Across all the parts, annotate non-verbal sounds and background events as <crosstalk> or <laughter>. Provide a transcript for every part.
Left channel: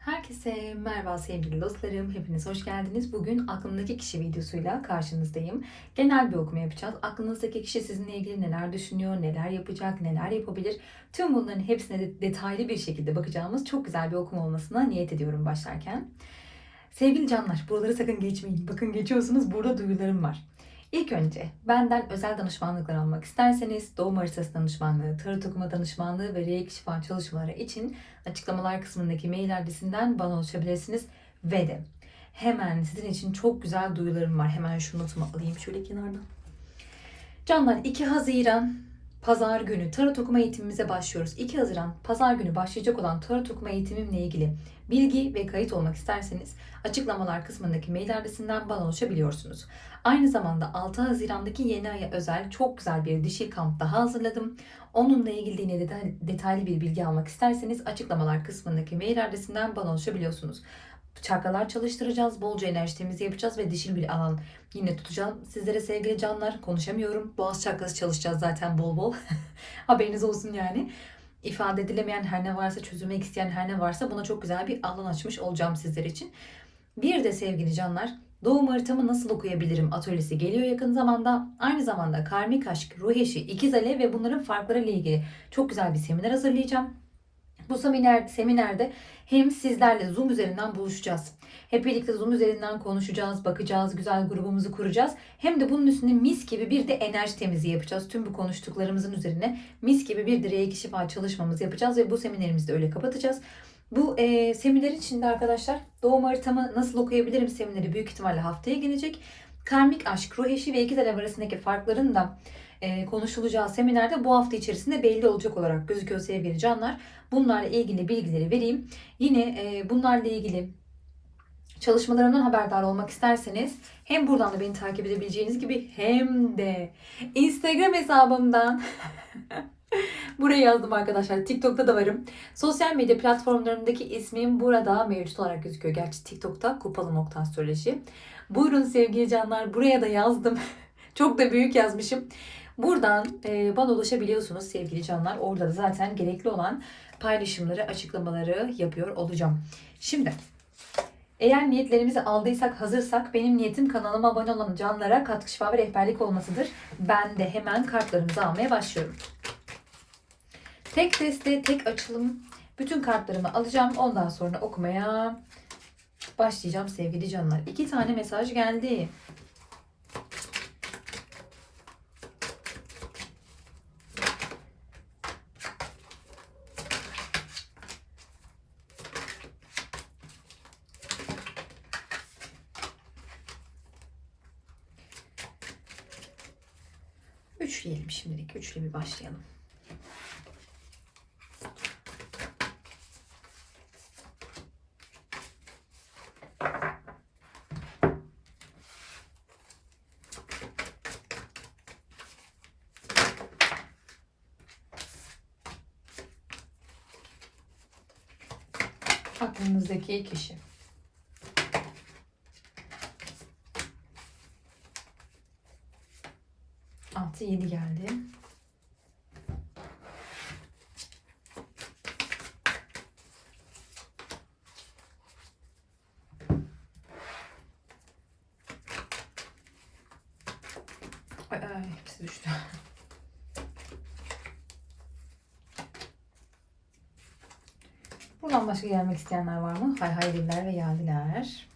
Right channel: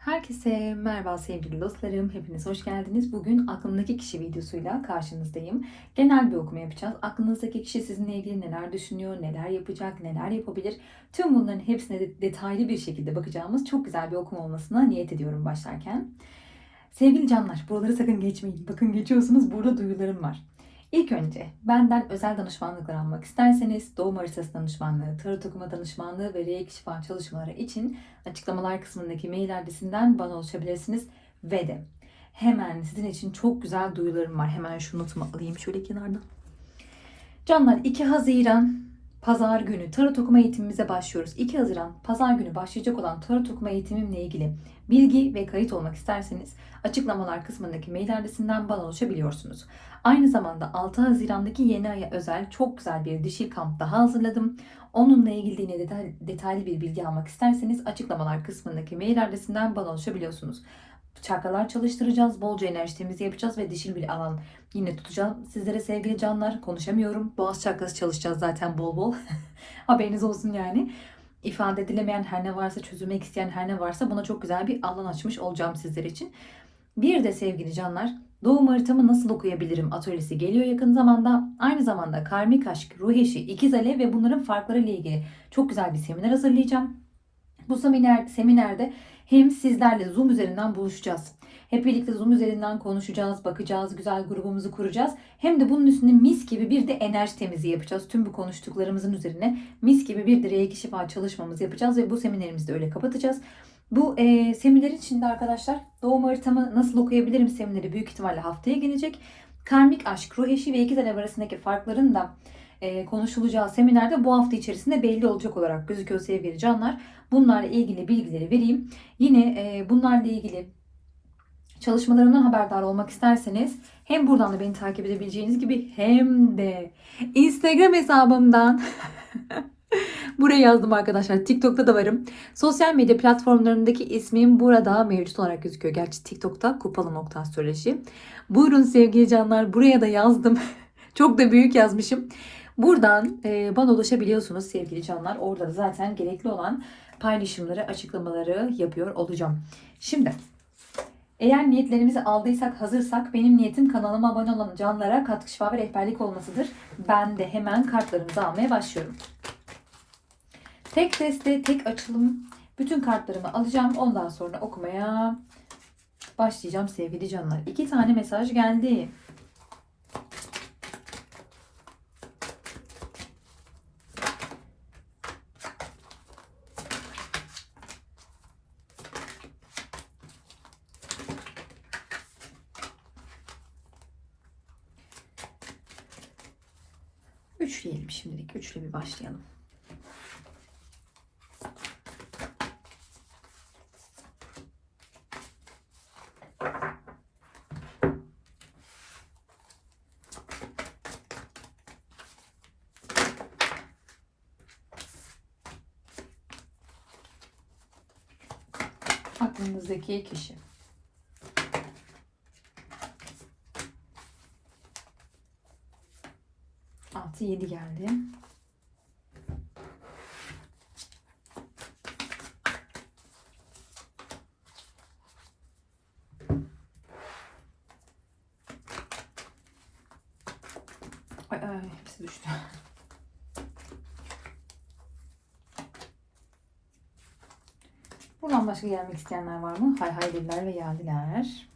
Herkese merhaba sevgili dostlarım. Hepiniz hoş geldiniz. Bugün aklımdaki kişi videosuyla karşınızdayım. Genel bir okuma yapacağız. Aklınızdaki kişi sizinle ilgili neler düşünüyor, neler yapacak, neler yapabilir. Tüm bunların hepsine de detaylı bir şekilde bakacağımız çok güzel bir okuma olmasına niyet ediyorum başlarken. Sevgili canlar, buraları sakın geçmeyin. Bakın geçiyorsunuz, burada duyularım var. İlk önce benden özel danışmanlıklar almak isterseniz doğum haritası danışmanlığı, tarot okuma danışmanlığı ve reiki şifa çalışmaları için açıklamalar kısmındaki mail adresinden bana ulaşabilirsiniz. Ve de hemen sizin için çok güzel duyularım var. Hemen şu notumu alayım şöyle kenarda. Canlar 2 Haziran Pazar günü tarot okuma eğitimimize başlıyoruz. 2 Haziran Pazar günü başlayacak olan tarot okuma eğitimimle ilgili bilgi ve kayıt olmak isterseniz açıklamalar kısmındaki mail adresinden bana ulaşabiliyorsunuz. Aynı zamanda 6 Haziran'daki yeni aya özel çok güzel bir dişil kamp daha hazırladım. Onunla ilgili yine detay- detaylı bir bilgi almak isterseniz açıklamalar kısmındaki mail adresinden bana ulaşabiliyorsunuz. Çakralar çalıştıracağız, bolca enerji temizliği yapacağız ve dişil bir alan yine tutacağım. Sizlere sevgili canlar konuşamıyorum. Boğaz çakrası çalışacağız zaten bol bol. <laughs> Haberiniz olsun yani. İfade edilemeyen her ne varsa, çözülmek isteyen her ne varsa buna çok güzel bir alan açmış olacağım sizler için. Bir de sevgili canlar, doğum haritamı nasıl okuyabilirim atölyesi geliyor yakın zamanda. Aynı zamanda karmik aşk, ruh eşi, ikiz alev ve bunların farkları ile ilgili çok güzel bir seminer hazırlayacağım. Bu seminer, seminerde hem sizlerle Zoom üzerinden buluşacağız. Hep birlikte Zoom üzerinden konuşacağız, bakacağız, güzel grubumuzu kuracağız. Hem de bunun üstüne mis gibi bir de enerji temizliği yapacağız. Tüm bu konuştuklarımızın üzerine mis gibi bir de reiki şifa çalışmamızı yapacağız ve bu seminerimizi de öyle kapatacağız. Bu e, seminer içinde arkadaşlar doğum haritamı nasıl okuyabilirim semineri büyük ihtimalle haftaya gelecek. Karmik aşk, ruh eşi ve ikizler arasındaki farkların da e, konuşulacağı seminerde bu hafta içerisinde belli olacak olarak gözüküyor sevgili canlar. Bunlarla ilgili bilgileri vereyim. Yine e, bunlarla ilgili çalışmalarımdan haberdar olmak isterseniz hem buradan da beni takip edebileceğiniz gibi hem de Instagram hesabımdan <laughs> Buraya yazdım arkadaşlar. TikTok'ta da varım. Sosyal medya platformlarımdaki ismim burada mevcut olarak gözüküyor. Gerçi TikTok'ta kupalı nokta astroloji. Buyurun sevgili canlar. Buraya da yazdım. <laughs> Çok da büyük yazmışım. Buradan e, bana ulaşabiliyorsunuz sevgili canlar. Orada da zaten gerekli olan paylaşımları, açıklamaları yapıyor olacağım. Şimdi eğer niyetlerimizi aldıysak, hazırsak benim niyetim kanalıma abone olan canlara katkı şifa ve rehberlik olmasıdır. Ben de hemen kartlarımızı almaya başlıyorum. Tek deste, tek açılım. Bütün kartlarımı alacağım. Ondan sonra okumaya başlayacağım sevgili canlar. İki tane mesaj geldi. Başlayalım. Aklınızdaki kişi. Altı yedi geldi. Ay, ay, hepsi düştü. Buradan başka gelmek isteyenler var mı? Hay hay diller ve yadiler.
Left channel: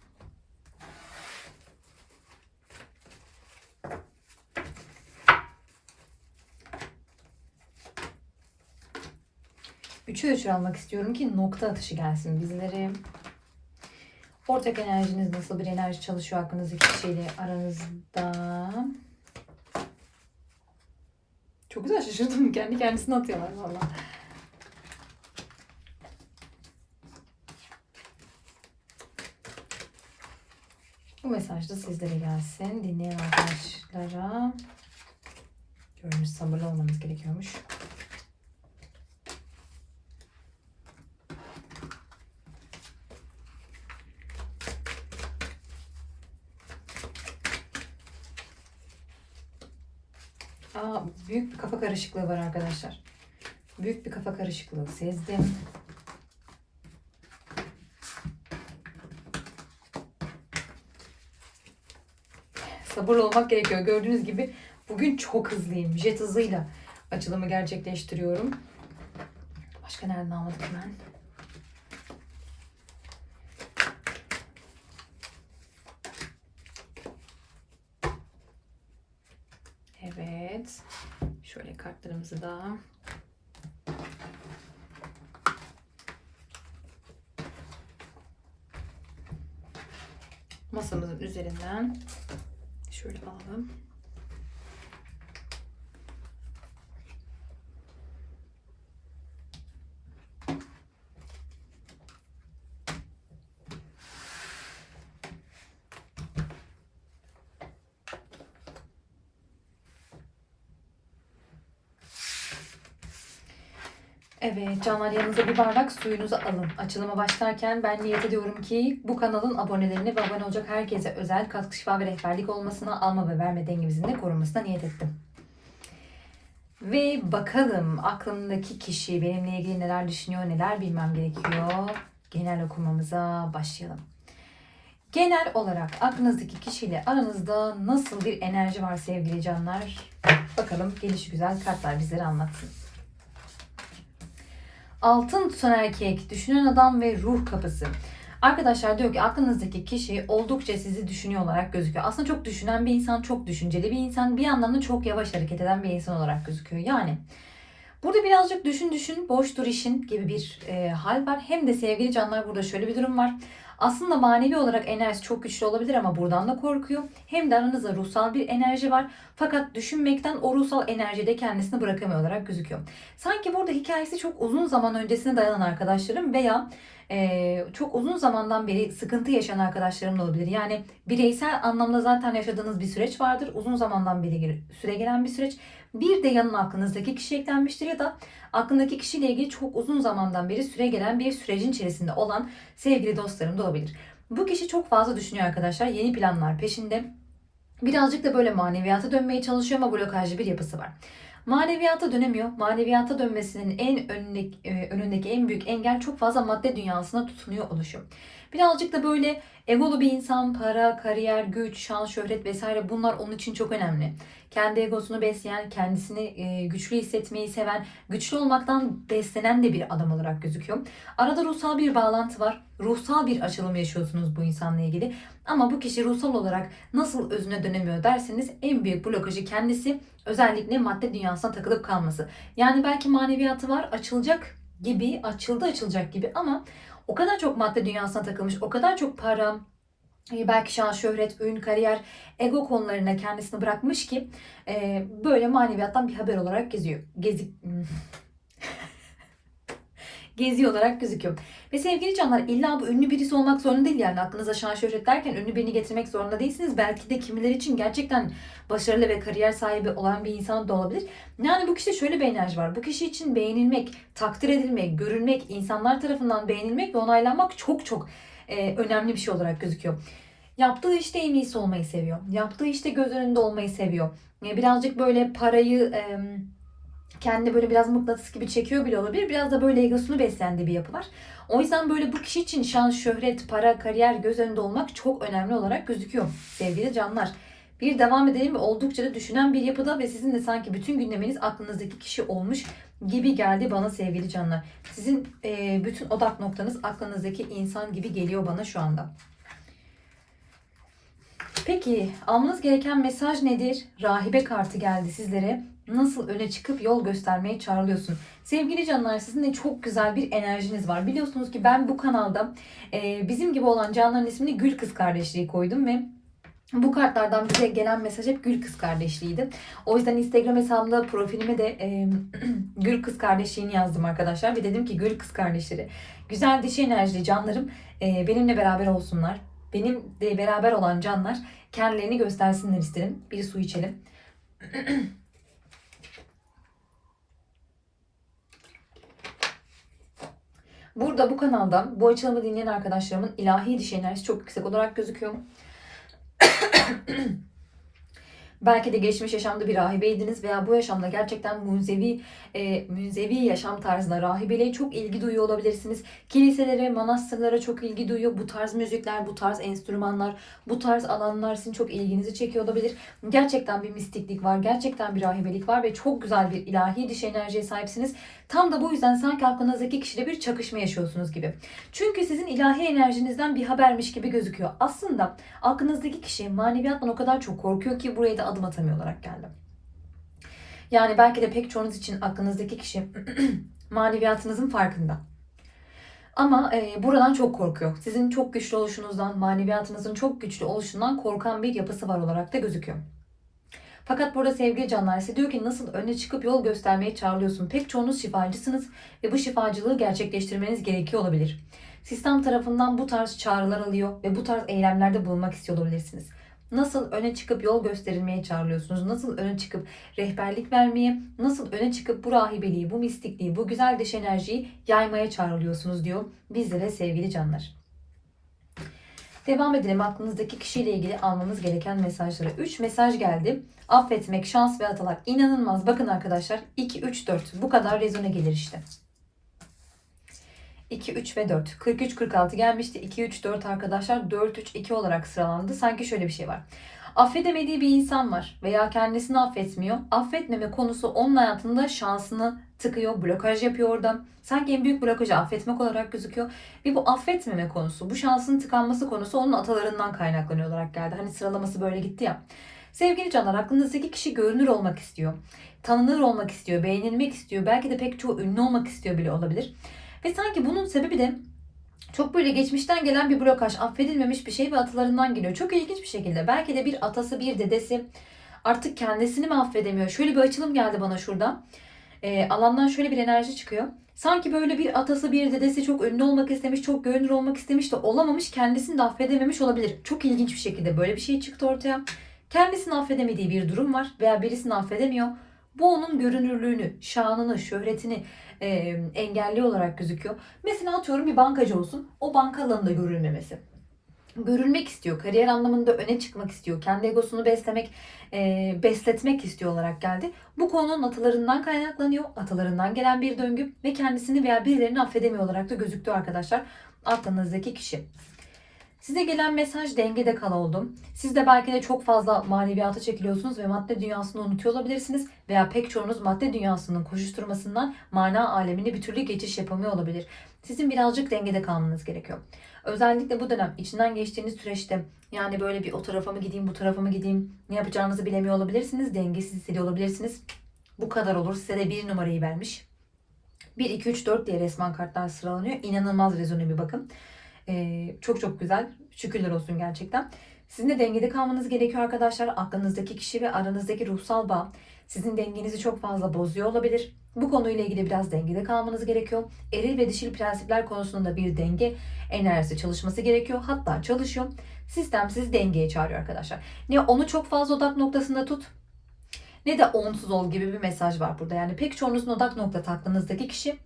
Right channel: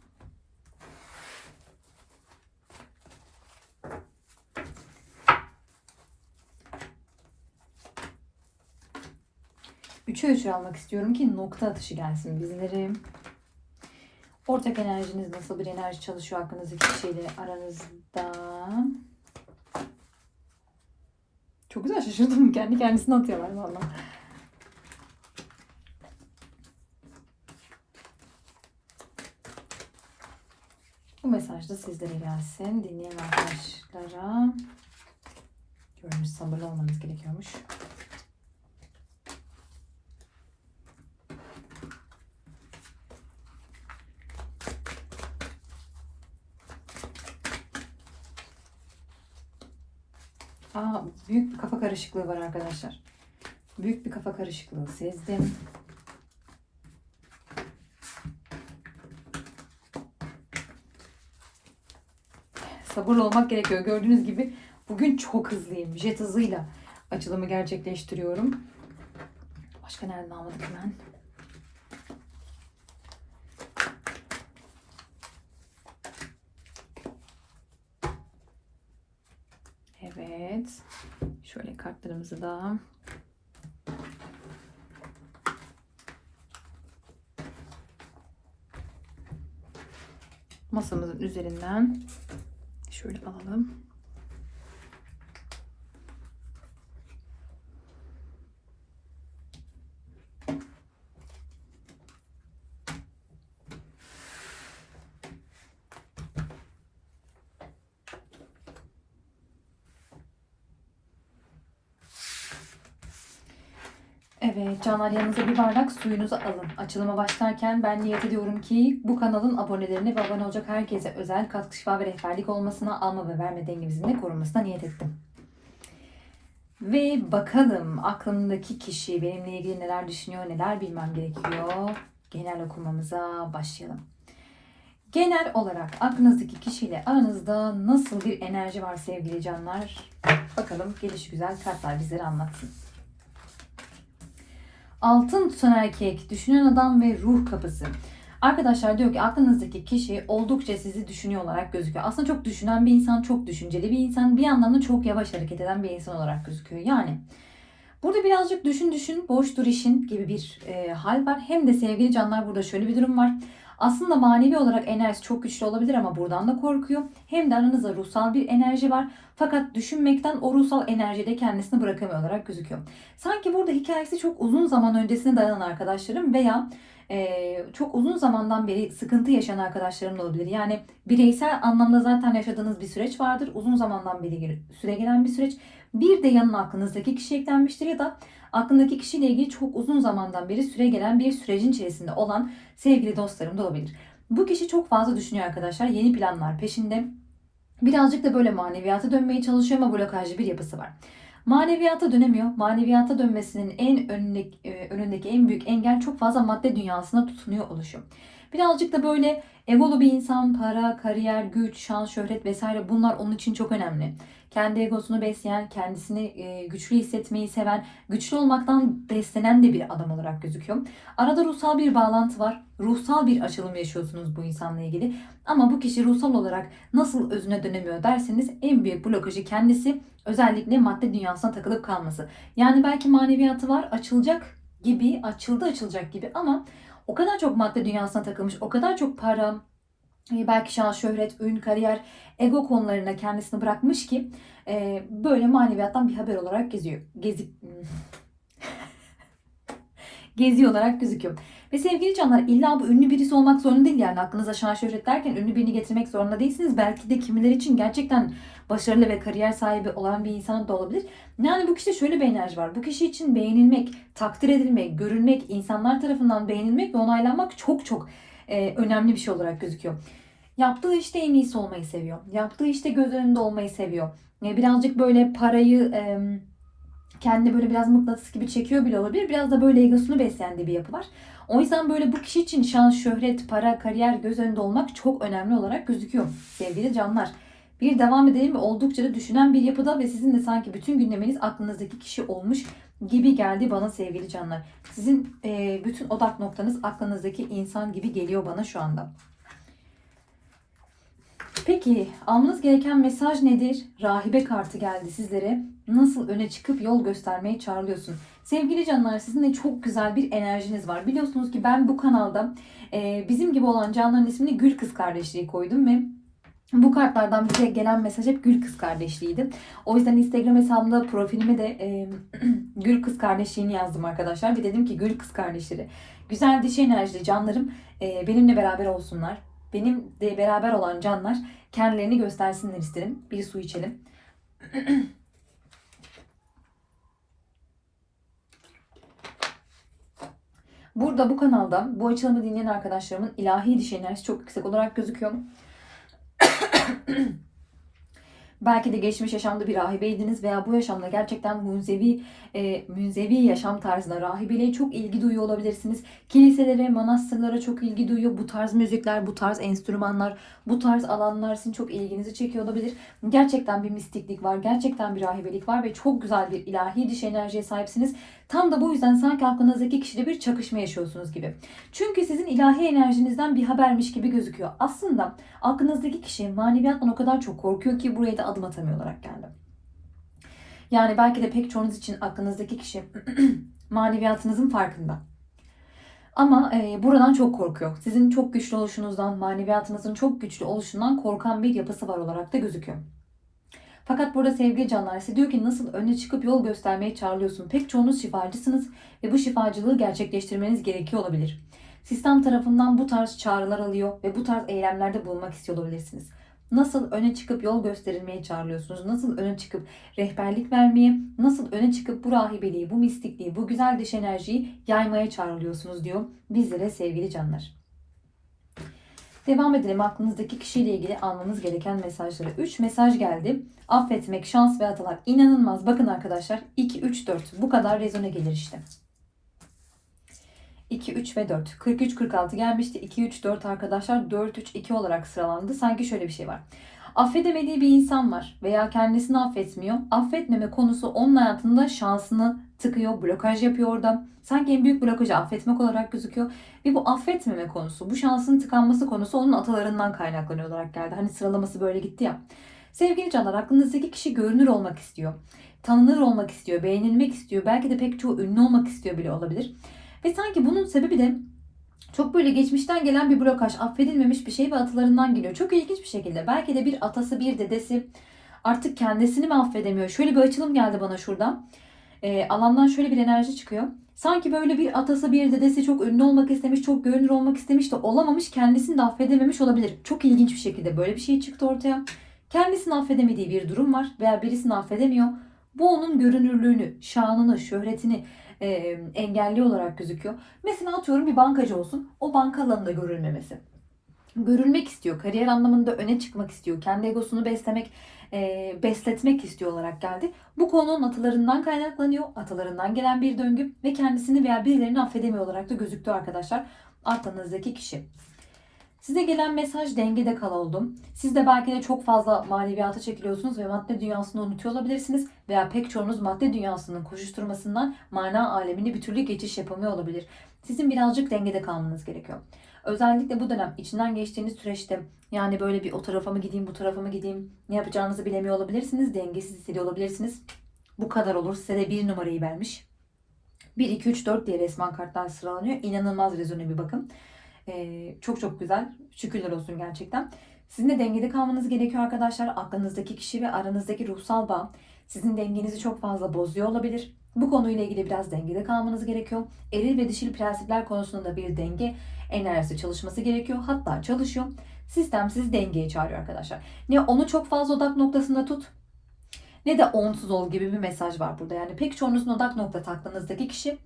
Üçe üçür almak istiyorum ki nokta atışı gelsin bizlere. Ortak enerjiniz nasıl bir enerji çalışıyor hakkınızdaki kişiyle aranızda? Çok güzel şaşırdım. Kendi kendisine atıyorlar valla. Bu mesaj da sizlere gelsin. Dinleyen arkadaşlara görmüş sabırlı olmanız gerekiyormuş. Aa, büyük bir kafa karışıklığı var arkadaşlar. Büyük bir kafa karışıklığı sezdim. Sabırlı olmak gerekiyor. Gördüğünüz gibi bugün çok hızlıyım. Jet hızıyla açılımı gerçekleştiriyorum. Başka nereden almadık hemen? Evet. Şöyle kartlarımızı da masamızın üzerinden şöyle alalım. Evet canlar yanınıza bir bardak suyunuzu alın. Açılıma başlarken ben niyet ediyorum ki bu kanalın abonelerine ve abone olacak herkese özel katkı şifa ve rehberlik olmasına alma ve verme dengemizin de korunmasına niyet ettim. Ve bakalım aklımdaki kişi benimle ilgili neler düşünüyor, neler bilmem gerekiyor. Genel okumamıza başlayalım. Genel olarak aklınızdaki kişiyle aranızda nasıl bir enerji var sevgili canlar? Bakalım geliş güzel kartlar bizlere anlatsın. Altın tutan erkek, düşünen adam ve ruh kapısı. Arkadaşlar diyor ki aklınızdaki kişi oldukça sizi düşünüyor olarak gözüküyor. Aslında çok düşünen bir insan, çok düşünceli bir insan, bir yandan da çok yavaş hareket eden bir insan olarak gözüküyor. Yani burada birazcık düşün düşün, boş dur işin gibi bir e, hal var. Hem de sevgili canlar burada şöyle bir durum var. Aslında manevi olarak enerjisi çok güçlü olabilir ama buradan da korkuyor. Hem de aranızda ruhsal bir enerji var. Fakat düşünmekten o ruhsal enerjide kendisini bırakamıyor olarak gözüküyor. Sanki burada hikayesi çok uzun zaman öncesine dayanan arkadaşlarım veya e, çok uzun zamandan beri sıkıntı yaşayan arkadaşlarım da olabilir. Yani bireysel anlamda zaten yaşadığınız bir süreç vardır. Uzun zamandan beri süre gelen bir süreç. Bir de yanına aklınızdaki kişi eklenmiştir ya da aklındaki kişiyle ilgili çok uzun zamandan beri süre gelen bir sürecin içerisinde olan sevgili dostlarım da olabilir. Bu kişi çok fazla düşünüyor arkadaşlar. Yeni planlar peşinde. Birazcık da böyle maneviyata dönmeye çalışıyor ama blokajlı bir yapısı var. Maneviyata dönemiyor. Maneviyata dönmesinin en önündeki, e, önündeki en büyük engel çok fazla madde dünyasına tutunuyor oluşu. Birazcık da böyle egolu bir insan, para, kariyer, güç, şans, şöhret vesaire bunlar onun için çok önemli. Kendi egosunu besleyen, kendisini e, güçlü hissetmeyi seven, güçlü olmaktan beslenen de bir adam olarak gözüküyor. Arada ruhsal bir bağlantı var. Ruhsal bir açılım yaşıyorsunuz bu insanla ilgili. Ama bu kişi ruhsal olarak nasıl özüne dönemiyor derseniz en büyük blokajı kendisi özellikle madde dünyasına takılıp kalması. Yani belki maneviyatı var açılacak gibi, açıldı açılacak gibi ama o kadar çok madde dünyasına takılmış, o kadar çok para, belki şans, şöhret, ün, kariyer, ego konularına kendisini bırakmış ki e, böyle maneviyattan bir haber olarak geziyor. Gezi... <laughs> Geziyor olarak gözüküyor. Ve sevgili canlar illa bu ünlü birisi olmak zorunda değil yani aklınıza şans şöhret derken ünlü birini getirmek zorunda değilsiniz. Belki de kimileri için gerçekten başarılı ve kariyer sahibi olan bir insan da olabilir. Yani bu kişide şöyle bir enerji var. Bu kişi için beğenilmek, takdir edilmek, görülmek, insanlar tarafından beğenilmek ve onaylanmak çok çok e, önemli bir şey olarak gözüküyor. Yaptığı işte en iyisi olmayı seviyor. Yaptığı işte göz önünde olmayı seviyor. E, birazcık böyle parayı... Kendine böyle biraz mıknatıs gibi çekiyor bile olabilir. Biraz da böyle egosunu beslendiği bir yapı var. O yüzden böyle bu kişi için şans, şöhret, para, kariyer göz önünde olmak çok önemli olarak gözüküyor sevgili canlar. Bir devam edelim ve oldukça da düşünen bir yapıda ve sizin de sanki bütün gündeminiz aklınızdaki kişi olmuş gibi geldi bana sevgili canlar. Sizin e, bütün odak noktanız aklınızdaki insan gibi geliyor bana şu anda. Peki almanız gereken mesaj nedir? Rahibe kartı geldi sizlere. Nasıl öne çıkıp yol göstermeye çağrılıyorsun? Sevgili canlar sizin de çok güzel bir enerjiniz var. Biliyorsunuz ki ben bu kanalda e, bizim gibi olan canların ismini Gül Kız Kardeşliği koydum ve bu kartlardan bize gelen mesaj hep Gül Kız Kardeşliğiydi. O yüzden Instagram hesabımda profilime de e, <clears throat> Gül Kız Kardeşliğini yazdım arkadaşlar. Ve dedim ki Gül Kız Kardeşleri güzel dişi enerjili canlarım e, benimle beraber olsunlar. Benim de beraber olan canlar kendilerini göstersinler isterim. Bir su içelim. <clears throat> Burada bu kanalda bu açılımı dinleyen arkadaşlarımın ilahi dişi enerjisi çok yüksek olarak gözüküyor. <clears throat> Belki de geçmiş yaşamda bir rahibeydiniz veya bu yaşamda gerçekten münzevi, e, münzevi yaşam tarzında rahibeliğe çok ilgi duyuyor olabilirsiniz. Kiliselere, manastırlara çok ilgi duyuyor. Bu tarz müzikler, bu tarz enstrümanlar, bu tarz alanlar sizin çok ilginizi çekiyor olabilir. Gerçekten bir mistiklik var, gerçekten bir rahibelik var ve çok güzel bir ilahi dış enerjiye sahipsiniz. Tam da bu yüzden sanki aklınızdaki kişiyle bir çakışma yaşıyorsunuz gibi. Çünkü sizin ilahi enerjinizden bir habermiş gibi gözüküyor. Aslında aklınızdaki kişi maneviyattan o kadar çok korkuyor ki buraya da adım atamıyor olarak geldi. Yani belki de pek çoğunuz için aklınızdaki kişi <clears throat> maneviyatınızın farkında. Ama e, buradan çok korkuyor. Sizin çok güçlü oluşunuzdan, maneviyatınızın çok güçlü oluşundan korkan bir yapısı var olarak da gözüküyor. Fakat burada sevgili canlar size diyor ki nasıl öne çıkıp yol göstermeye çağrılıyorsun. Pek çoğunuz şifacısınız ve bu şifacılığı gerçekleştirmeniz gerekiyor olabilir. Sistem tarafından bu tarz çağrılar alıyor ve bu tarz eylemlerde bulunmak istiyor olabilirsiniz. Nasıl öne çıkıp yol gösterilmeye çağrılıyorsunuz? Nasıl öne çıkıp rehberlik vermeye, nasıl öne çıkıp bu rahibeliği, bu mistikliği, bu güzel dış enerjiyi yaymaya çağrılıyorsunuz diyor bizlere sevgili canlar. Devam edelim aklınızdaki kişiyle ilgili almanız gereken mesajlara. 3 mesaj geldi. Affetmek, şans ve atalar. İnanılmaz. Bakın arkadaşlar 2, 3, 4. Bu kadar rezone gelir işte. 2, 3 ve 4. 43, 46 gelmişti. 2, 3, 4 arkadaşlar 4, 3, 2 olarak sıralandı. Sanki şöyle bir şey var. Affedemediği bir insan var veya kendisini affetmiyor. Affetmeme konusu onun hayatında şansını tıkıyor, blokaj yapıyor orada. Sanki en büyük blokajı affetmek olarak gözüküyor. Ve bu affetmeme konusu, bu şansın tıkanması konusu onun atalarından kaynaklanıyor olarak geldi. Hani sıralaması böyle gitti ya. Sevgili canlar aklınızdaki kişi görünür olmak istiyor. Tanınır olmak istiyor, beğenilmek istiyor. Belki de pek çoğu ünlü olmak istiyor bile olabilir. Ve sanki bunun sebebi de çok böyle geçmişten gelen bir blokaj, affedilmemiş bir şey ve atalarından geliyor. Çok ilginç bir şekilde. Belki de bir atası, bir dedesi artık kendisini mi affedemiyor? Şöyle bir açılım geldi bana şurada. E, alandan şöyle bir enerji çıkıyor. Sanki böyle bir atası, bir dedesi çok ünlü olmak istemiş, çok görünür olmak istemiş de olamamış, kendisini de affedememiş olabilir. Çok ilginç bir şekilde böyle bir şey çıktı ortaya. Kendisini affedemediği bir durum var veya birisini affedemiyor. Bu onun görünürlüğünü, şanını, şöhretini, e, engelli olarak gözüküyor. Mesela atıyorum bir bankacı olsun. O banka alanında görülmemesi. Görülmek istiyor. Kariyer anlamında öne çıkmak istiyor. Kendi egosunu beslemek, e, besletmek istiyor olarak geldi. Bu konunun atalarından kaynaklanıyor. Atalarından gelen bir döngü ve kendisini veya birilerini affedemiyor olarak da gözüktü arkadaşlar. Aklınızdaki kişi. Size gelen mesaj dengede kal oldum. Siz de belki de çok fazla maneviyata çekiliyorsunuz ve madde dünyasını unutuyor olabilirsiniz. Veya pek çoğunuz madde dünyasının koşuşturmasından mana alemine bir türlü geçiş yapamıyor olabilir. Sizin birazcık dengede kalmanız gerekiyor. Özellikle bu dönem içinden geçtiğiniz süreçte yani böyle bir o tarafa mı gideyim bu tarafa mı gideyim ne yapacağınızı bilemiyor olabilirsiniz. Dengesiz hissediyor olabilirsiniz. Bu kadar olur. Size de bir numarayı vermiş. 1, 2, 3, 4 diye resmen kartlar sıralanıyor. İnanılmaz rezone bir bakın. Ee, çok çok güzel. Şükürler olsun gerçekten. Sizin de dengede kalmanız gerekiyor arkadaşlar. Aklınızdaki kişi ve aranızdaki ruhsal bağ sizin dengenizi çok fazla bozuyor olabilir. Bu konuyla ilgili biraz dengede kalmanız gerekiyor. Eril ve dişil prensipler konusunda bir denge enerjisi çalışması gerekiyor. Hatta çalışıyor. Sistem sizi dengeye çağırıyor arkadaşlar. Ne onu çok fazla odak noktasında tut ne de onsuz ol gibi bir mesaj var burada. Yani pek çoğunuzun odak noktası aklınızdaki kişi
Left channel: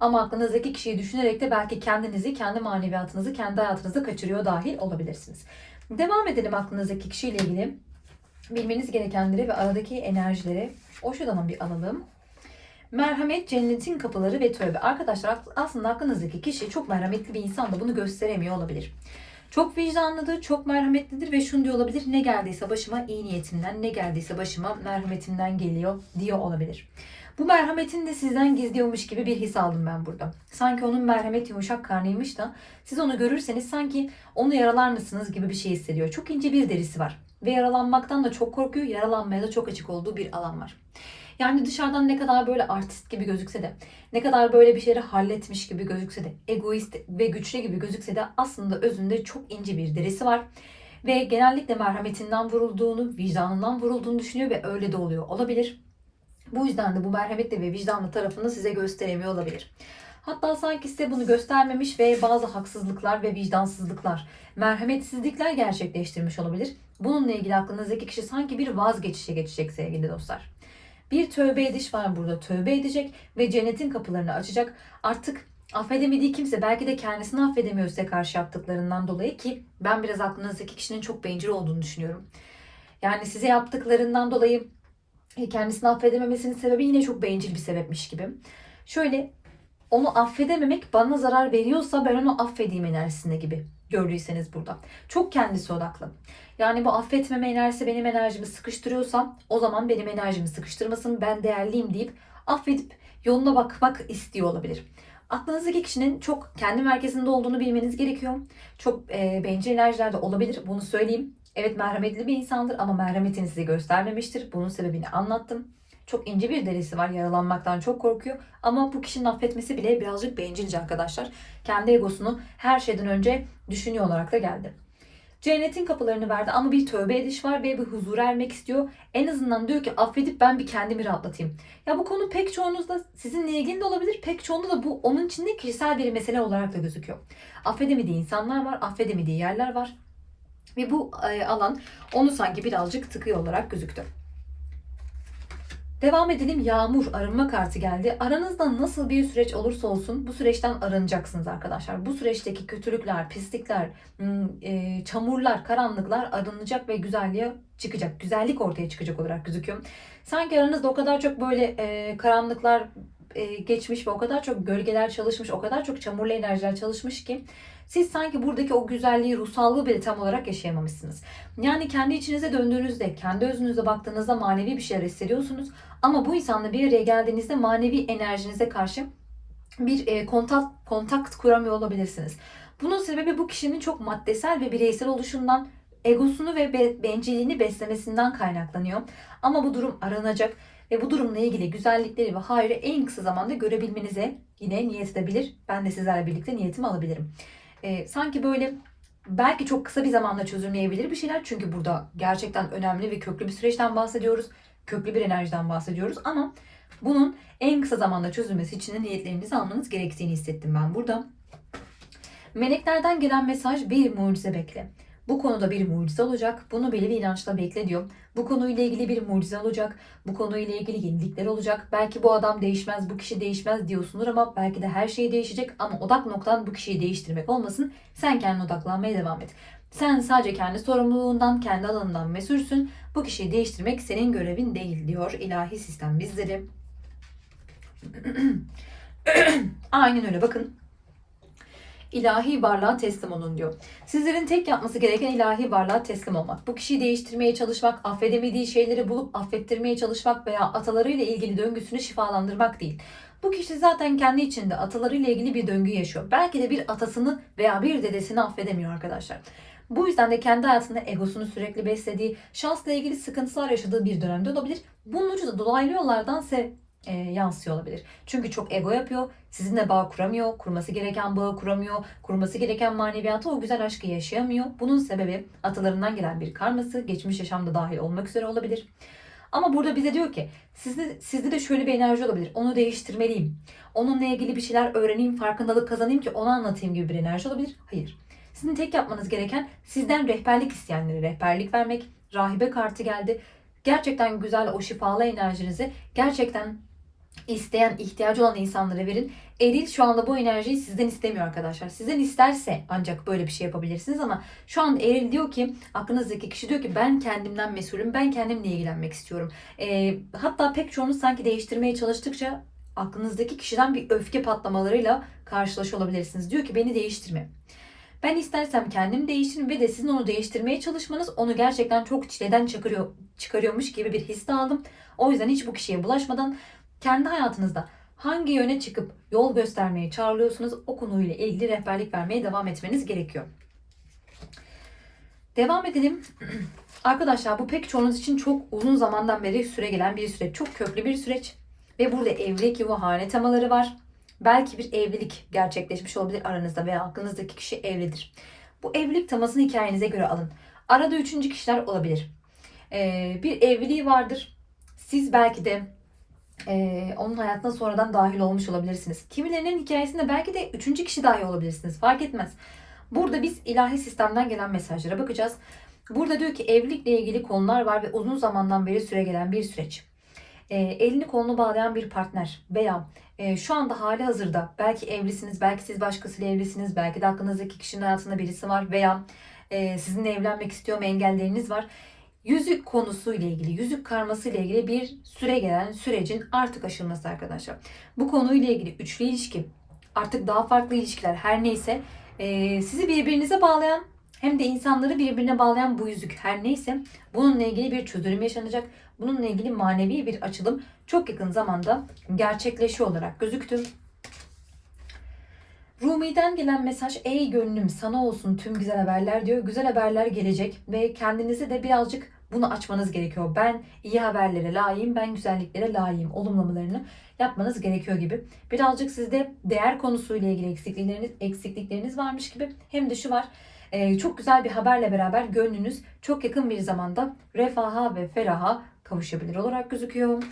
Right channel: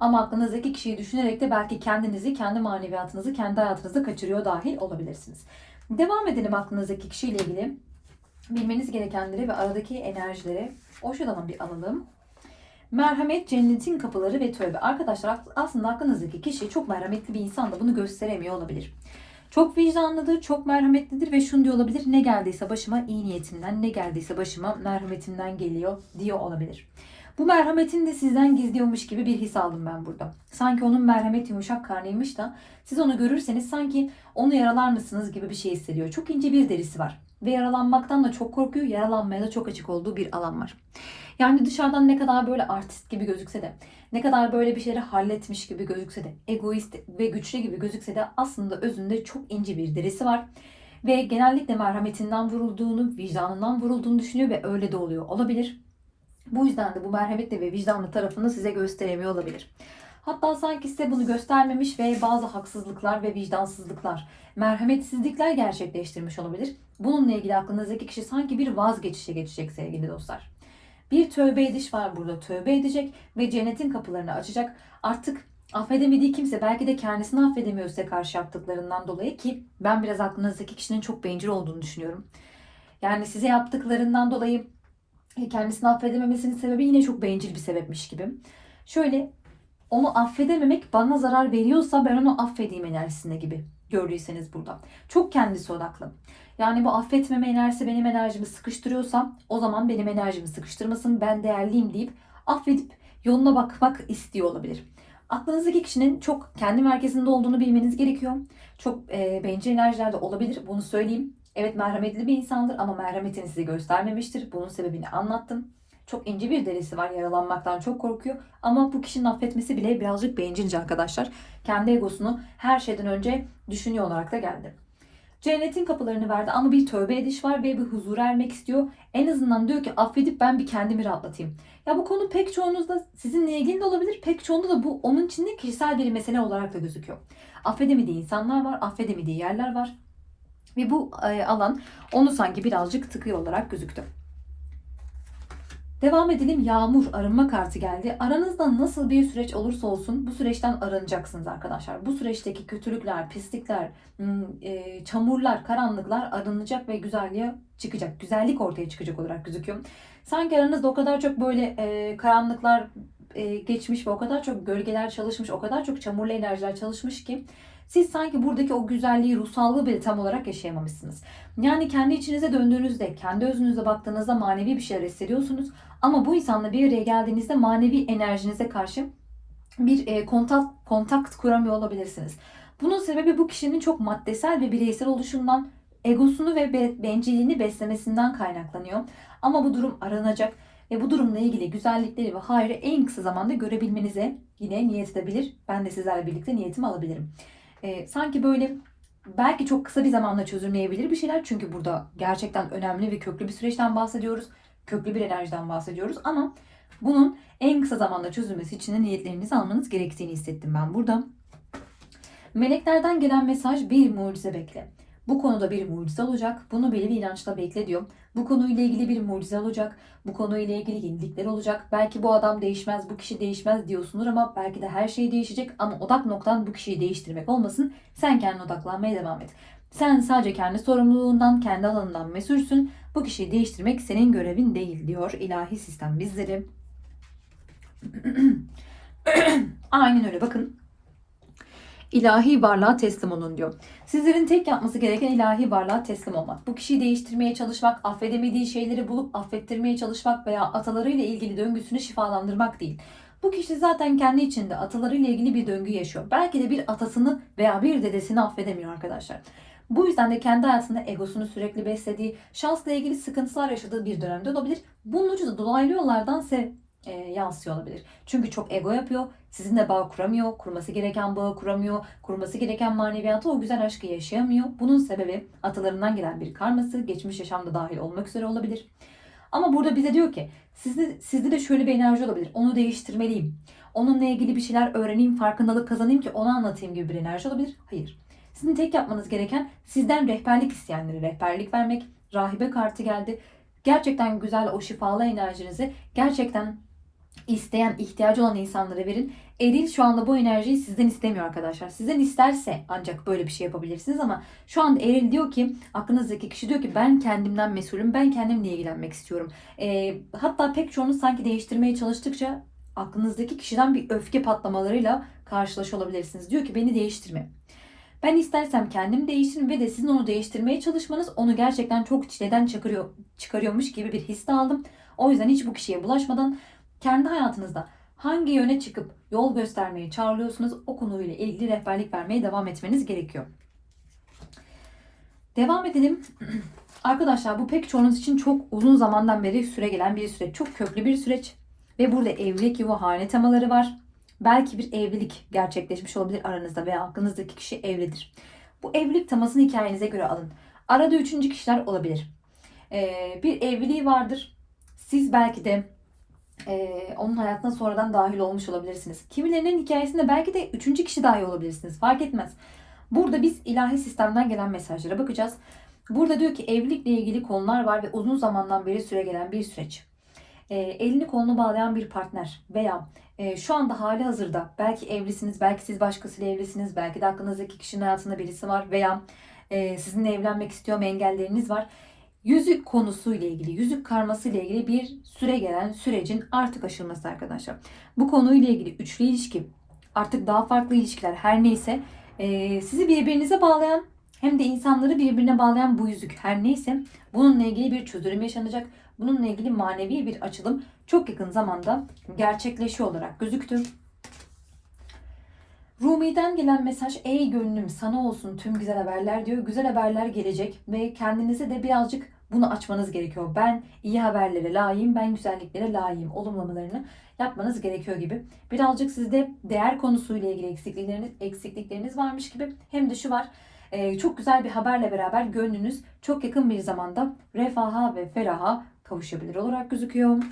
ama aklınızdaki kişiyi düşünerek de belki kendinizi, kendi maneviyatınızı, kendi hayatınızı kaçırıyor dahil olabilirsiniz. Devam edelim aklınızdaki kişiyle ilgili. Bilmeniz gerekenleri ve aradaki enerjileri o şuradan bir alalım. Merhamet cennetin kapıları ve tövbe. Arkadaşlar aslında aklınızdaki kişi çok merhametli bir insan da bunu gösteremiyor olabilir. Çok vicdanlıdır, çok merhametlidir ve şunu diyor olabilir. Ne geldiyse başıma iyi niyetimden, ne geldiyse başıma merhametimden geliyor diyor olabilir. Bu merhametin de sizden gizliyormuş gibi bir his aldım ben burada. Sanki onun merhamet yumuşak karnıymış da siz onu görürseniz sanki onu yaralar mısınız gibi bir şey hissediyor. Çok ince bir derisi var. Ve yaralanmaktan da çok korkuyor, yaralanmaya da çok açık olduğu bir alan var. Yani dışarıdan ne kadar böyle artist gibi gözükse de, ne kadar böyle bir şeyleri halletmiş gibi gözükse de, egoist ve güçlü gibi gözükse de aslında özünde çok ince bir derisi var. Ve genellikle merhametinden vurulduğunu, vicdanından vurulduğunu düşünüyor ve öyle de oluyor olabilir. Bu yüzden de bu merhametli ve vicdanlı tarafını size gösteremiyor olabilir. Hatta sanki size bunu göstermemiş ve bazı haksızlıklar ve vicdansızlıklar, merhametsizlikler gerçekleştirmiş olabilir. Bununla ilgili aklınızdaki kişi sanki bir vazgeçişe geçecek sevgili dostlar. Bir tövbe ediş var burada. Tövbe edecek ve cennetin kapılarını açacak. Artık affedemediği kimse belki de kendisini affedemiyor size karşı yaptıklarından dolayı ki ben biraz aklınızdaki kişinin çok bencil olduğunu düşünüyorum. Yani size yaptıklarından dolayı e, kendisini affedememesinin sebebi yine çok bencil bir sebepmiş gibi. Şöyle onu affedememek bana zarar veriyorsa ben onu affedeyim enerjisinde gibi gördüyseniz burada. Çok kendisi odaklı. Yani bu affetmeme enerjisi benim enerjimi sıkıştırıyorsa o zaman benim enerjimi sıkıştırmasın ben değerliyim deyip affedip yoluna bakmak istiyor olabilir. Aklınızdaki kişinin çok kendi merkezinde olduğunu bilmeniz gerekiyor. Çok e, bencil enerjilerde olabilir bunu söyleyeyim. Evet merhametli bir insandır ama merhametini size göstermemiştir. Bunun sebebini anlattım. Çok ince bir derisi var. Yaralanmaktan çok korkuyor. Ama bu kişinin affetmesi bile birazcık bencilce arkadaşlar. Kendi egosunu her şeyden önce düşünüyor olarak da geldi. Cennetin kapılarını verdi ama bir tövbe ediş var ve bir huzur ermek istiyor. En azından diyor ki affedip ben bir kendimi rahatlatayım. Ya bu konu pek çoğunuzda sizinle ilgili de olabilir. Pek çoğunda da bu onun içinde kişisel bir mesele olarak da gözüküyor. Affedemediği insanlar var, affedemediği yerler var. Ve bu e, alan onu sanki birazcık tıkıyor olarak gözüktü. Devam edelim. Yağmur arınma kartı geldi. Aranızda nasıl bir süreç olursa olsun bu süreçten arınacaksınız arkadaşlar. Bu süreçteki kötülükler, pislikler, hmm, e, çamurlar, karanlıklar arınacak ve güzelliğe çıkacak. Güzellik ortaya çıkacak olarak gözüküyor. Sanki aranızda o kadar çok böyle e, karanlıklar e, geçmiş ve o kadar çok gölgeler çalışmış, o kadar çok çamurlu enerjiler çalışmış ki siz sanki buradaki o güzelliği, ruhsallığı bile tam olarak yaşayamamışsınız. Yani kendi içinize döndüğünüzde, kendi özünüze baktığınızda manevi bir şeyler hissediyorsunuz. Ama bu insanla bir araya geldiğinizde manevi enerjinize karşı bir e, kontak, kontakt kuramıyor olabilirsiniz. Bunun sebebi bu kişinin çok maddesel ve bireysel oluşundan, egosunu ve be, bencilliğini beslemesinden kaynaklanıyor. Ama bu durum aranacak ve bu durumla ilgili güzellikleri ve hayrı en kısa zamanda görebilmenize yine niyet edebilir. Ben de sizlerle birlikte niyetimi alabilirim. E, sanki böyle belki çok kısa bir zamanda çözümleyebilir bir şeyler. Çünkü burada gerçekten önemli ve köklü bir süreçten bahsediyoruz. Köklü bir enerjiden bahsediyoruz ama bunun en kısa zamanda çözülmesi için de niyetlerinizi almanız gerektiğini hissettim ben burada. Meleklerden gelen mesaj bir mucize bekle. Bu konuda bir mucize olacak. Bunu belli bir inançla bekle diyor. Bu konuyla ilgili bir mucize olacak. Bu konuyla ilgili yenilikler olacak. Belki bu adam değişmez, bu kişi değişmez diyorsundur ama belki de her şey değişecek. Ama odak noktan bu kişiyi değiştirmek olmasın. Sen kendine odaklanmaya devam et. Sen sadece kendi sorumluluğundan, kendi alanından mesulsün. Bu kişiyi değiştirmek senin görevin değil diyor ilahi sistem bizleri. <clears throat> Aynen öyle bakın ilahi varlığa teslim olun diyor. Sizlerin tek yapması gereken ilahi varlığa teslim olmak. Bu kişiyi değiştirmeye çalışmak, affedemediği şeyleri bulup affettirmeye çalışmak veya atalarıyla ilgili döngüsünü şifalandırmak değil. Bu kişi zaten kendi içinde atalarıyla ilgili bir döngü yaşıyor. Belki de bir atasını veya bir dedesini affedemiyor arkadaşlar. Bu yüzden de kendi hayatında egosunu sürekli beslediği, şansla ilgili sıkıntılar yaşadığı bir dönemde olabilir. Bunun ucu da dolaylı yollardan ise e, yansıyor olabilir. Çünkü çok ego yapıyor. Sizinle bağ kuramıyor. Kurması gereken bağı kuramıyor. Kurması gereken maneviyatı o güzel aşkı yaşayamıyor. Bunun sebebi atalarından gelen bir karması. Geçmiş yaşamda dahil olmak üzere olabilir. Ama burada bize diyor ki sizde, sizde de şöyle bir enerji olabilir. Onu değiştirmeliyim. Onunla ilgili bir şeyler öğreneyim, farkındalık kazanayım ki onu anlatayım gibi bir enerji olabilir. Hayır. Sizin tek yapmanız gereken sizden rehberlik isteyenlere rehberlik vermek. Rahibe kartı geldi. Gerçekten güzel o şifalı enerjinizi gerçekten isteyen, ihtiyacı olan insanlara verin. Eril şu anda bu enerjiyi sizden istemiyor arkadaşlar. Sizden isterse ancak böyle bir şey yapabilirsiniz ama şu anda Eril diyor ki aklınızdaki kişi diyor ki ben kendimden mesulüm. Ben kendimle ilgilenmek istiyorum. E, hatta pek çoğunuz sanki değiştirmeye çalıştıkça aklınızdaki kişiden bir öfke patlamalarıyla karşılaşıyor. Diyor ki beni değiştirme. Ben istersem kendim değişirim ve de sizin onu değiştirmeye çalışmanız onu gerçekten çok çileden çıkarıyor, çıkarıyormuş gibi bir his aldım. O yüzden hiç bu kişiye bulaşmadan kendi hayatınızda hangi yöne çıkıp yol göstermeye çağrılıyorsunuz o konuyla ilgili rehberlik vermeye devam etmeniz gerekiyor. Devam edelim. <clears throat> Arkadaşlar bu pek çoğunuz için çok uzun zamandan beri süre gelen bir süreç. Çok köklü bir süreç. Ve burada evlilik, yuva, hane temaları var. Belki bir evlilik gerçekleşmiş olabilir aranızda veya aklınızdaki kişi evlidir. Bu evlilik temasını hikayenize göre alın. Arada üçüncü kişiler olabilir. Ee, bir evliliği vardır. Siz belki de e, onun hayatına sonradan dahil olmuş olabilirsiniz. Kimilerinin hikayesinde belki de üçüncü kişi dahil olabilirsiniz. Fark etmez. Burada biz ilahi sistemden gelen mesajlara bakacağız. Burada diyor ki evlilikle ilgili konular var ve uzun zamandan beri süre gelen bir süreç. E, elini kolunu bağlayan bir partner veya e, şu anda hali hazırda belki evlisiniz, belki siz başkasıyla evlisiniz, belki de aklınızdaki kişinin hayatında birisi var veya e, sizinle evlenmek istiyor engelleriniz var. yüzük konusuyla ilgili, yüzük karmasıyla ilgili bir süre gelen sürecin artık aşılması arkadaşlar. Bu konuyla ilgili üçlü ilişki, artık daha farklı ilişkiler her neyse e, sizi birbirinize bağlayan hem de insanları birbirine bağlayan bu yüzük her neyse bununla ilgili bir çözülüm yaşanacak. Bununla ilgili manevi bir açılım çok yakın zamanda gerçekleşiyor olarak gözüktü. Rumi'den gelen mesaj ey gönlüm sana olsun tüm güzel haberler diyor. Güzel haberler gelecek ve kendinize de birazcık bunu açmanız gerekiyor. Ben iyi haberlere layığım, ben güzelliklere layığım olumlamalarını yapmanız gerekiyor gibi. Birazcık sizde değer konusuyla ilgili eksiklikleriniz, eksiklikleriniz varmış gibi. Hem de şu var, e, çok güzel bir haberle beraber gönlünüz çok yakın bir zamanda refaha ve feraha kavuşabilir olarak gözüküyor.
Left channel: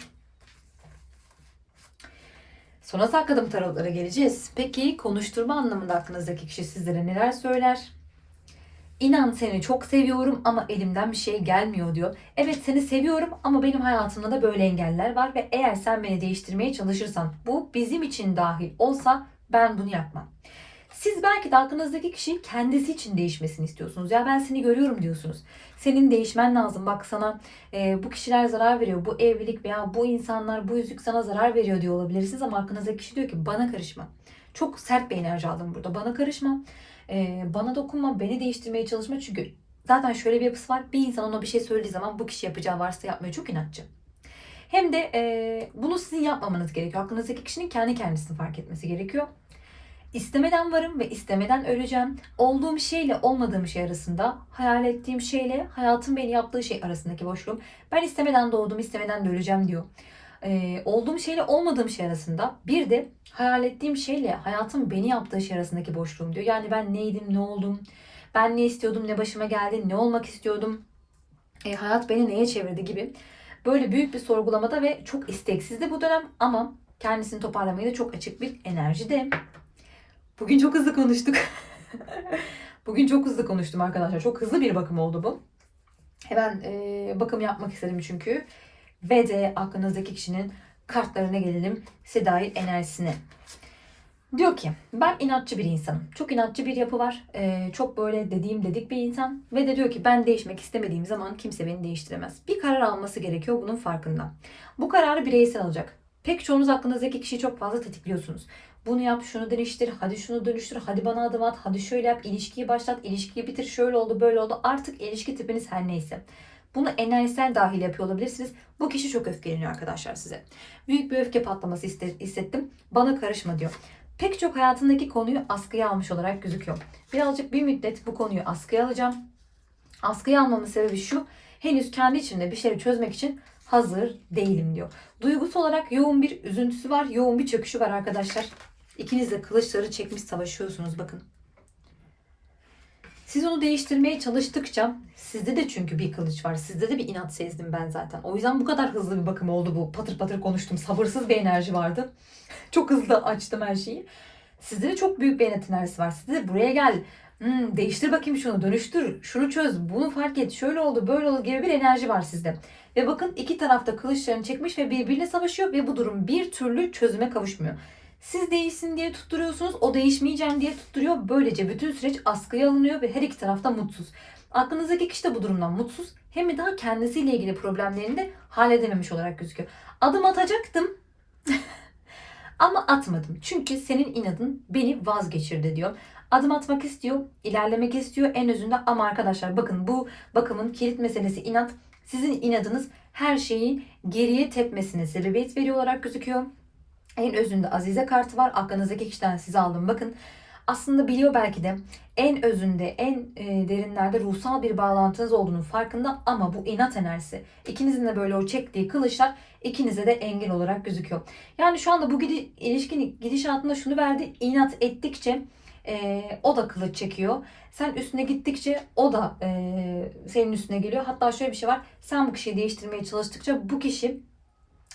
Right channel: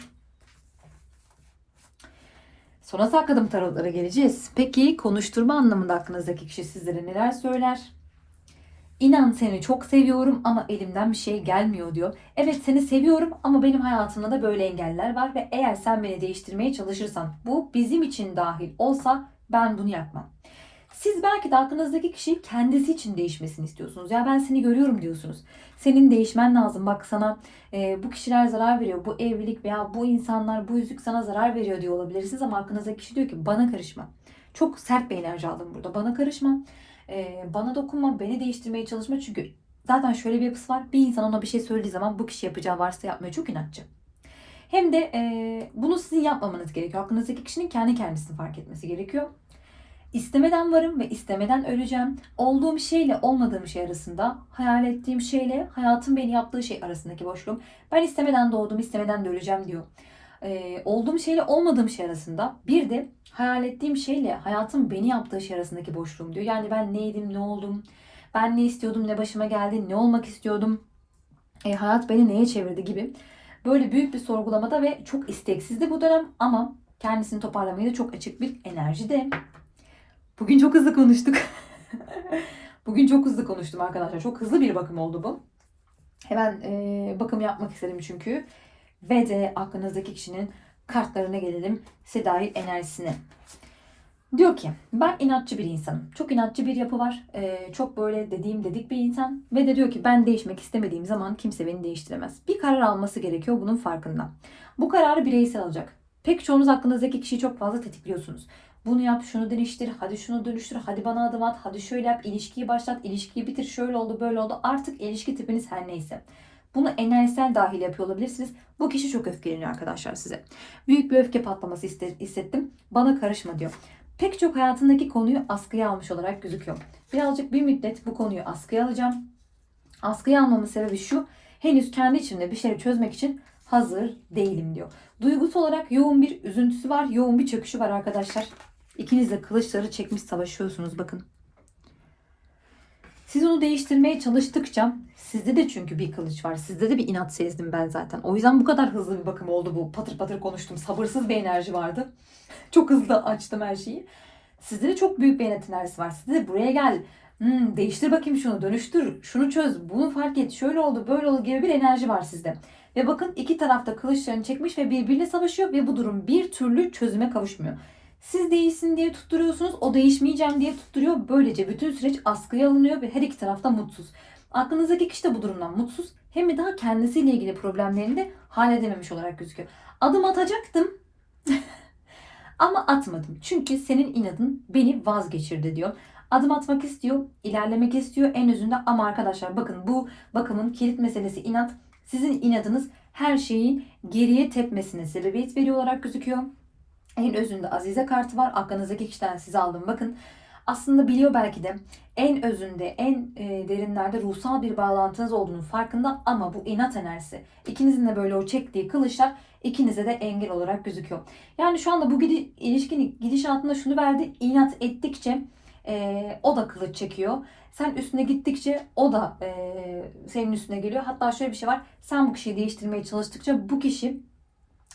Sonra sakladım tarotlara geleceğiz. Peki konuşturma anlamında aklınızdaki kişi sizlere neler söyler? İnan seni çok seviyorum ama elimden bir şey gelmiyor diyor. Evet seni seviyorum ama benim hayatımda da böyle engeller var ve eğer sen beni değiştirmeye çalışırsan bu bizim için dahil olsa ben bunu yapmam. Siz belki de aklınızdaki kişi kendisi için değişmesini istiyorsunuz. Ya ben seni görüyorum diyorsunuz. Senin değişmen lazım. Bak sana e, bu kişiler zarar veriyor. Bu evlilik veya bu insanlar, bu yüzük sana zarar veriyor diyor olabilirsiniz. Ama aklınızdaki kişi diyor ki bana karışma. Çok sert bir enerji aldım burada. Bana karışma. E, bana dokunma. Beni değiştirmeye çalışma. Çünkü zaten şöyle bir yapısı var. Bir insan ona bir şey söylediği zaman bu kişi yapacağı varsa yapmıyor. Çok inatçı. Hem de e, bunu sizin yapmamanız gerekiyor. Aklınızdaki kişinin kendi kendisini fark etmesi gerekiyor. İstemeden varım ve istemeden öleceğim. Olduğum şeyle olmadığım şey arasında, hayal ettiğim şeyle hayatın beni yaptığı şey arasındaki boşluğum. Ben istemeden doğdum, istemeden de öleceğim diyor. Ee, olduğum şeyle olmadığım şey arasında bir de hayal ettiğim şeyle hayatın beni yaptığı şey arasındaki boşluğum diyor. Yani ben neydim, ne oldum, ben ne istiyordum, ne başıma geldi, ne olmak istiyordum, e, hayat beni neye çevirdi gibi. Böyle büyük bir sorgulamada ve çok isteksizdi bu dönem ama kendisini toparlamaya da çok açık bir enerjide. Bugün çok hızlı konuştuk. <laughs> Bugün çok hızlı konuştum arkadaşlar. Çok hızlı bir bakım oldu bu. Hemen e, bakım yapmak istedim çünkü. Ve de aklınızdaki kişinin kartlarına gelelim. Sedai enerjisine. Diyor ki ben inatçı bir insanım. Çok inatçı bir yapı var. E, çok böyle dediğim dedik bir insan. Ve de diyor ki ben değişmek istemediğim zaman kimse beni değiştiremez. Bir karar alması gerekiyor bunun farkında. Bu kararı bireysel alacak. Pek çoğunuz aklınızdaki kişiyi çok fazla tetikliyorsunuz. Bunu yap, şunu değiştir, hadi şunu dönüştür, hadi bana adım at, hadi şöyle yap, ilişkiyi başlat, ilişkiyi bitir, şöyle oldu, böyle oldu. Artık ilişki tipiniz her neyse. Bunu enerjisel dahil yapıyor olabilirsiniz. Bu kişi çok öfkeleniyor arkadaşlar size. Büyük bir öfke patlaması hissettim. Bana karışma diyor. Pek çok hayatındaki konuyu askıya almış olarak gözüküyor. Birazcık bir müddet bu konuyu askıya alacağım. Askıya almamın sebebi şu. Henüz kendi içinde bir şeyi çözmek için hazır değilim diyor. Duygusu olarak yoğun bir üzüntüsü var, yoğun bir çöküşü var arkadaşlar. İkiniz de kılıçları çekmiş savaşıyorsunuz bakın. Siz onu değiştirmeye çalıştıkça sizde de çünkü bir kılıç var. Sizde de bir inat sezdim ben zaten. O yüzden bu kadar hızlı bir bakım oldu bu. Patır patır konuştum. Sabırsız bir enerji vardı. Çok hızlı açtım her şeyi. Sizde de çok büyük bir inat enerjisi var. Sizde de buraya gel. Hmm, değiştir bakayım şunu, dönüştür, şunu çöz, bunu fark et, şöyle oldu, böyle oldu gibi bir enerji var sizde. Ve bakın iki tarafta kılıçlarını çekmiş ve birbirine savaşıyor ve bu durum bir türlü çözüme kavuşmuyor. Siz değişsin diye tutturuyorsunuz. O değişmeyeceğim diye tutturuyor. Böylece bütün süreç askıya alınıyor ve her iki tarafta mutsuz. Aklınızdaki kişi de bu durumdan mutsuz. Hem de daha kendisiyle ilgili problemlerini de halledememiş olarak gözüküyor. Adım atacaktım. <laughs> Ama atmadım. Çünkü senin inadın beni vazgeçirdi diyor. Adım atmak istiyor, ilerlemek istiyor en özünde ama arkadaşlar bakın bu bakımın kilit meselesi inat. Sizin inadınız her şeyi geriye tepmesine sebebiyet veriyor olarak gözüküyor. En özünde Azize kartı var. Aklınızdaki kişiden size aldım. Bakın aslında biliyor belki de en özünde, en e, derinlerde ruhsal bir bağlantınız olduğunu farkında ama bu inat enerjisi. İkinizin de böyle o çektiği kılıçlar ikinize de engel olarak gözüküyor. Yani şu anda bu gidi, ilişkinin gidişatında şunu verdi. inat ettikçe e, o da kılıç çekiyor. Sen üstüne gittikçe o da e, senin üstüne geliyor. Hatta şöyle bir şey var. Sen bu kişiyi değiştirmeye çalıştıkça bu kişi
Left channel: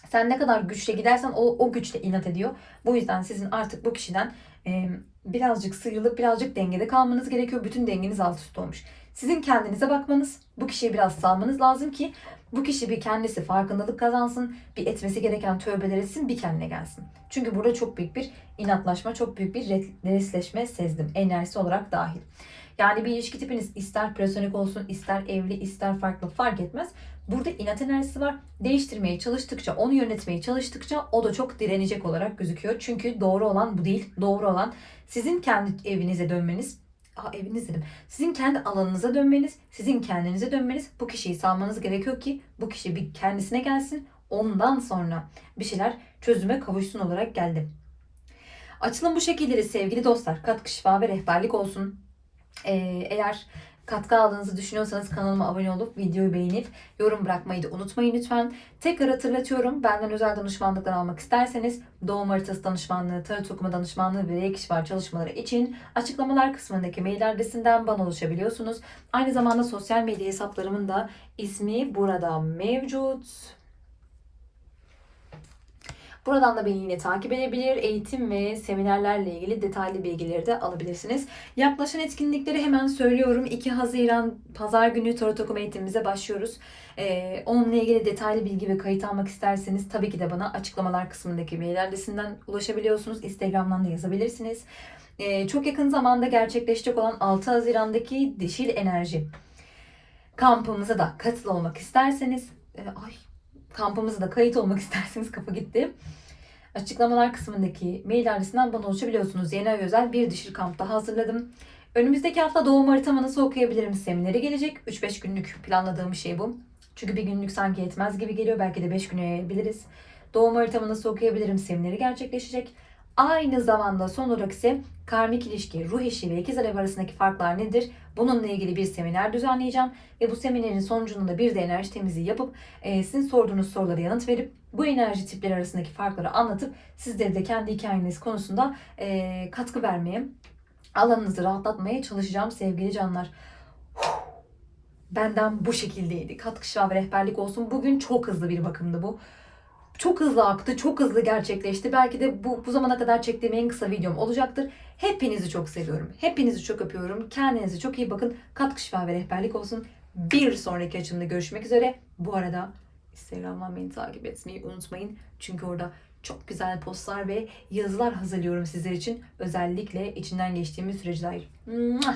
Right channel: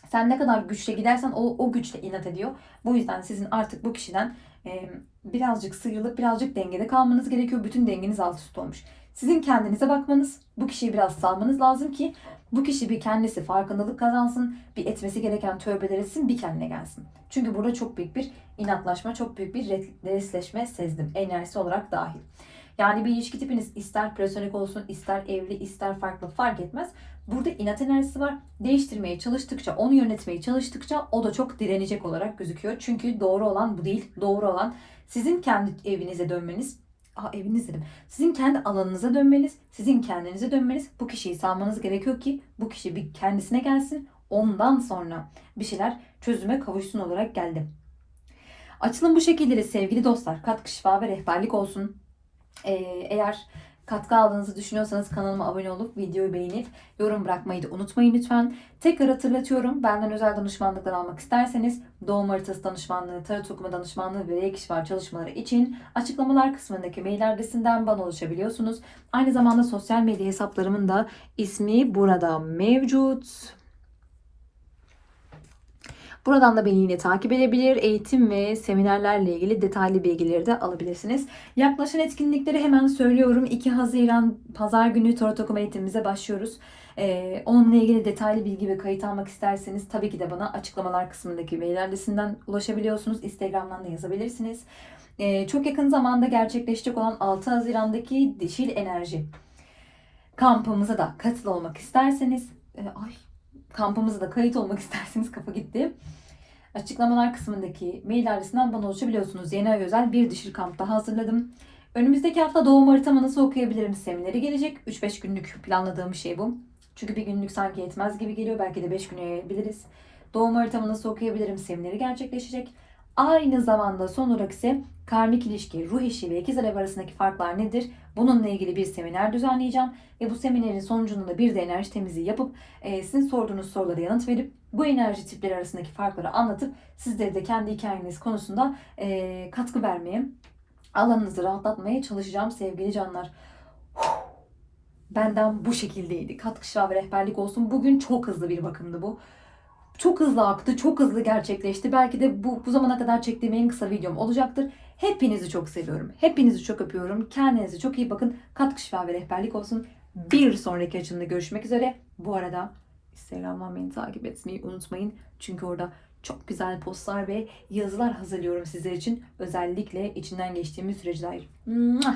sen ne kadar güçle gidersen o, o güçle inat ediyor. Bu yüzden sizin artık bu kişiden e, birazcık sıyrılıp birazcık dengede kalmanız gerekiyor. Bütün dengeniz alt üst olmuş. Sizin kendinize bakmanız, bu kişiyi biraz salmanız lazım ki bu kişi bir kendisi farkındalık kazansın, bir etmesi gereken tövbeler etsin, bir kendine gelsin. Çünkü burada çok büyük bir inatlaşma, çok büyük bir resleşme sezdim. Enerjisi olarak dahil. Yani bir ilişki tipiniz ister platonik olsun, ister evli, ister farklı fark etmez. Burada inat enerjisi var. Değiştirmeye çalıştıkça, onu yönetmeye çalıştıkça o da çok direnecek olarak gözüküyor. Çünkü doğru olan bu değil. Doğru olan sizin kendi evinize dönmeniz. Aa eviniz dedim. Sizin kendi alanınıza dönmeniz, sizin kendinize dönmeniz. Bu kişiyi salmanız gerekiyor ki bu kişi bir kendisine gelsin. Ondan sonra bir şeyler çözüme kavuşsun olarak geldi. Açılım bu şekilde sevgili dostlar. Katkı, şifa ve rehberlik olsun. Ee, eğer katkı aldığınızı düşünüyorsanız kanalıma abone olup videoyu beğenip yorum bırakmayı da unutmayın lütfen. Tekrar hatırlatıyorum. Benden özel danışmanlıklar almak isterseniz doğum haritası danışmanlığı, tarot okuma danışmanlığı ve reiki şifa çalışmaları için açıklamalar kısmındaki mail adresinden bana ulaşabiliyorsunuz. Aynı zamanda sosyal medya hesaplarımın da ismi burada mevcut. Buradan da beni yine takip edebilir, eğitim ve seminerlerle ilgili detaylı bilgileri de alabilirsiniz. Yaklaşan etkinlikleri hemen söylüyorum. 2 Haziran Pazar günü Tarot Okuma eğitimimize başlıyoruz. Ee, onunla ilgili detaylı bilgi ve kayıt almak isterseniz tabii ki de bana açıklamalar kısmındaki mail adresinden ulaşabiliyorsunuz. Instagram'dan da yazabilirsiniz. Ee, çok yakın zamanda gerçekleşecek olan 6 Haziran'daki Dişil Enerji kampımıza da katıl olmak isterseniz e, ay kampımıza da kayıt olmak <laughs> isterseniz kafa gitti. Açıklamalar kısmındaki mail adresinden bana ulaşabiliyorsunuz. Yeni ay özel bir dişil kamp daha hazırladım. Önümüzdeki hafta doğum haritamı nasıl okuyabilirim semineri gelecek. 3-5 günlük planladığım şey bu. Çünkü bir günlük sanki yetmez gibi geliyor. Belki de 5 güne yayabiliriz. Doğum haritamı nasıl okuyabilirim semineri gerçekleşecek. Aynı zamanda son olarak ise karmik ilişki, ruh eşi ve ikiz alev arasındaki farklar nedir? Bununla ilgili bir seminer düzenleyeceğim. Ve bu seminerin sonucunda bir de enerji temizliği yapıp e, sizin sorduğunuz sorulara yanıt verip bu enerji tipleri arasındaki farkları anlatıp sizleri de kendi hikayeniz konusunda e, katkı vermeye, alanınızı rahatlatmaya çalışacağım sevgili canlar. Benden bu şekildeydi. Katkı şifa ve rehberlik olsun. Bugün çok hızlı bir bakımdı bu. Çok hızlı aktı, çok hızlı gerçekleşti. Belki de bu, bu zamana kadar çektiğim en kısa videom olacaktır. Hepinizi çok seviyorum. Hepinizi çok öpüyorum. Kendinize çok iyi bakın. Katkı şifa ve rehberlik olsun. Bir sonraki açımda görüşmek üzere. Bu arada Instagram'dan beni takip etmeyi unutmayın. Çünkü orada çok güzel postlar ve yazılar hazırlıyorum sizler için. Özellikle içinden geçtiğimiz süreçler. Mua!